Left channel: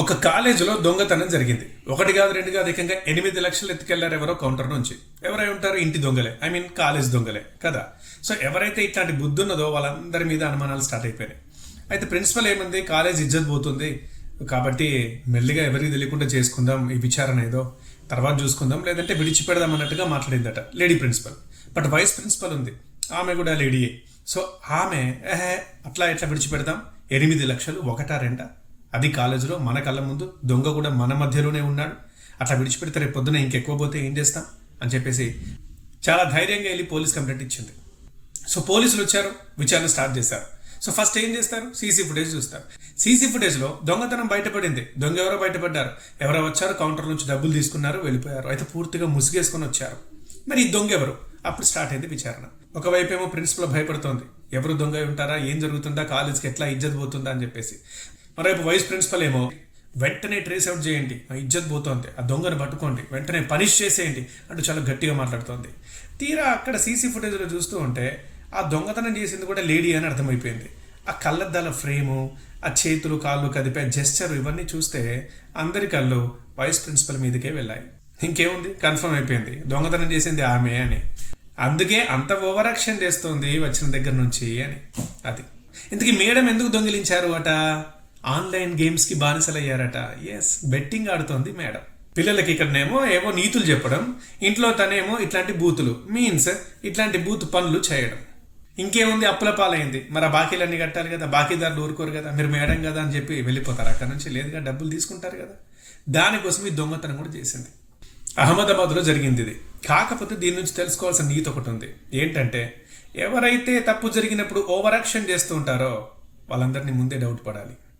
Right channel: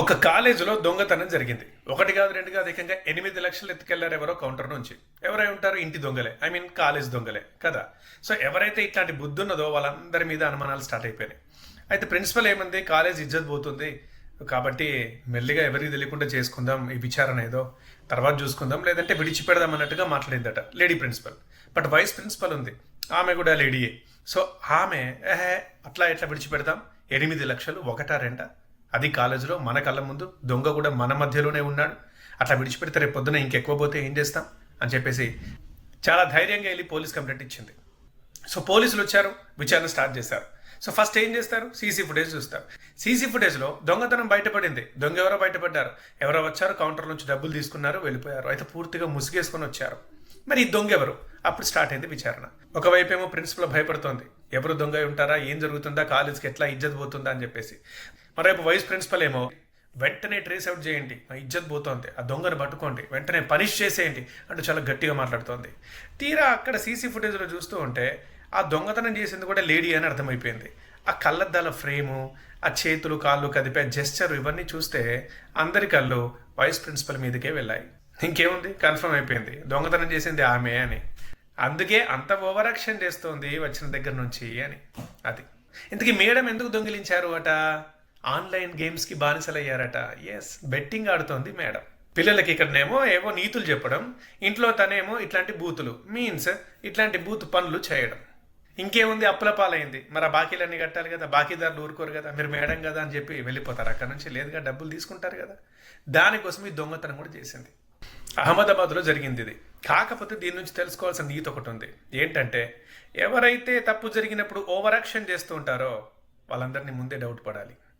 ఒక కాలేజీలో దొంగతనం జరిగింది. ఒకటి కాదు, రెండు కాదు, ఏకంగా 8 లక్షలు ఎత్తుకెళ్లారు ఎవరో కౌంటర్ నుంచి. ఎవరై ఉంటారు? ఇంటి దొంగలే, కాలేజ్ దొంగలే కదా. సో ఎవరైతే ఇట్లాంటి బుద్ధి ఉన్నదో వాళ్ళందరి మీద అనుమానాలు స్టార్ట్ అయిపోయినాయి. అయితే ప్రిన్సిపల్ ఏమంది, కాలేజ్ ఇజ్జత్ పోతుంది కాబట్టి మెల్లిగా ఎవరికి తెలియకుండా చేసుకుందాం, ఈ విచారణ ఏదో తర్వాత చూసుకుందాం, లేదంటే విడిచిపెడదాం అన్నట్టుగా మాట్లాడిందట lady principal. But vice principal ఉంది, ఆమె కూడా లేడీయే. సో ఆమె అట్లా ఎట్లా విడిచిపెడదాం, 8 లక్షలు ఒకటా రెండా, అది కాలేజీలో మన కళ్ళ ముందు, దొంగ కూడా మన మధ్యలోనే ఉన్నాడు, అట్లా విడిచిపెడితే రేపు పొద్దున ఇంకెక్కువ పోతే ఏం చేస్తాం అని చెప్పేసి చాలా ధైర్యంగా వెళ్ళి పోలీస్ కంప్లైంట్ ఇచ్చింది. సో పోలీసులు వచ్చారు, విచారణ స్టార్ట్ చేశారు. సో ఫస్ట్ ఏం చేస్తారు, సీసీ ఫుటేజ్ చూస్తారు. సీసీ ఫుటేజ్లో దొంగతనం బయటపడింది. దొంగ ఎవరో బయటపడ్డారు, ఎవరో వచ్చారు, కౌంటర్ నుంచి డబ్బులు తీసుకున్నారు, వెళ్ళిపోయారు. అయితే పూర్తిగా ముసిగేసుకొని వచ్చారు. మరి ఈ దొంగ ఎవరు? అప్పుడు స్టార్ట్ అయింది విచారణ. ఒకవైపు ఏమో ప్రిన్సిపల్ భయపడుతోంది, ఎవరు దొంగ ఉంటారా, ఏం జరుగుతుందా, కాలేజ్కి ఎట్లా ఇజ్జత్ పోతుందా అని చెప్పేసి. మరోవైపు వైస్ ప్రిన్సిపల్ ఏమో వెంటనే ట్రేస్ అవుట్ చేయండి, మా ఇజ్జత్ పోతోంది, ఆ దొంగను పట్టుకోండి, వెంటనే పనిష్ చేసేయండి అంటూ చాలా గట్టిగా మాట్లాడుతోంది. తీరా అక్కడ సీసీ ఫుటేజ్లో చూస్తూ ఉంటే ఆ దొంగతనం చేసింది కూడా లేడీ అని అర్థమైపోయింది. ఆ కళ్ళద్దాల ఫ్రేము, ఆ చేతులు కాళ్ళు కదిపే జెస్చర్, ఇవన్నీ చూస్తే అందరి కళ్ళు వైస్ ప్రిన్సిపల్ మీదకే వెళ్ళాయి. ఇంకేముంది, కన్ఫర్మ్ అయిపోయింది దొంగతనం చేసింది ఆమె అని. అందుకే అంత ఓవర్ యాక్షన్ చేస్తోంది వచ్చిన దగ్గర నుంచి అని. అది ఇంతకీ మేడం ఎందుకు దొంగిలించారు అట? ఆన్లైన్ గేమ్స్కి బానిసలయ్యారట. ఎస్, బెట్టింగ్ ఆడుతోంది మేడం. పిల్లలకి ఇక్కడనేమో ఏవో నీతులు చెప్పడం, ఇంట్లో తనేమో ఇట్లాంటి బూతులు, మీన్స్ ఇట్లాంటి బూత్ పనులు చేయడం. ఇంకేముంది, అప్పుల పాలైంది. మరి ఆ బాకీలన్నీ కట్టాలి కదా, బాకీదారులు ఊరుకోరు కదా, మీరు మేడం కదా అని చెప్పి వెళ్ళిపోతారు అక్కడ నుంచి, లేదుగా డబ్బులు తీసుకుంటారు కదా. దానికోసం ఈ దొంగతనం కూడా చేసింది. అహ్మదాబాద్లో జరిగింది ఇది. కాకపోతే దీని నుంచి తెలుసుకోవాల్సిన నీతి ఒకటి ఉంది. ఏంటంటే ఎవరైతే తప్పు జరిగినప్పుడు ఓవర్ యాక్షన్ చేస్తూ ఉంటారో వాళ్ళందరినీ ముందే డౌట్ పడాలి.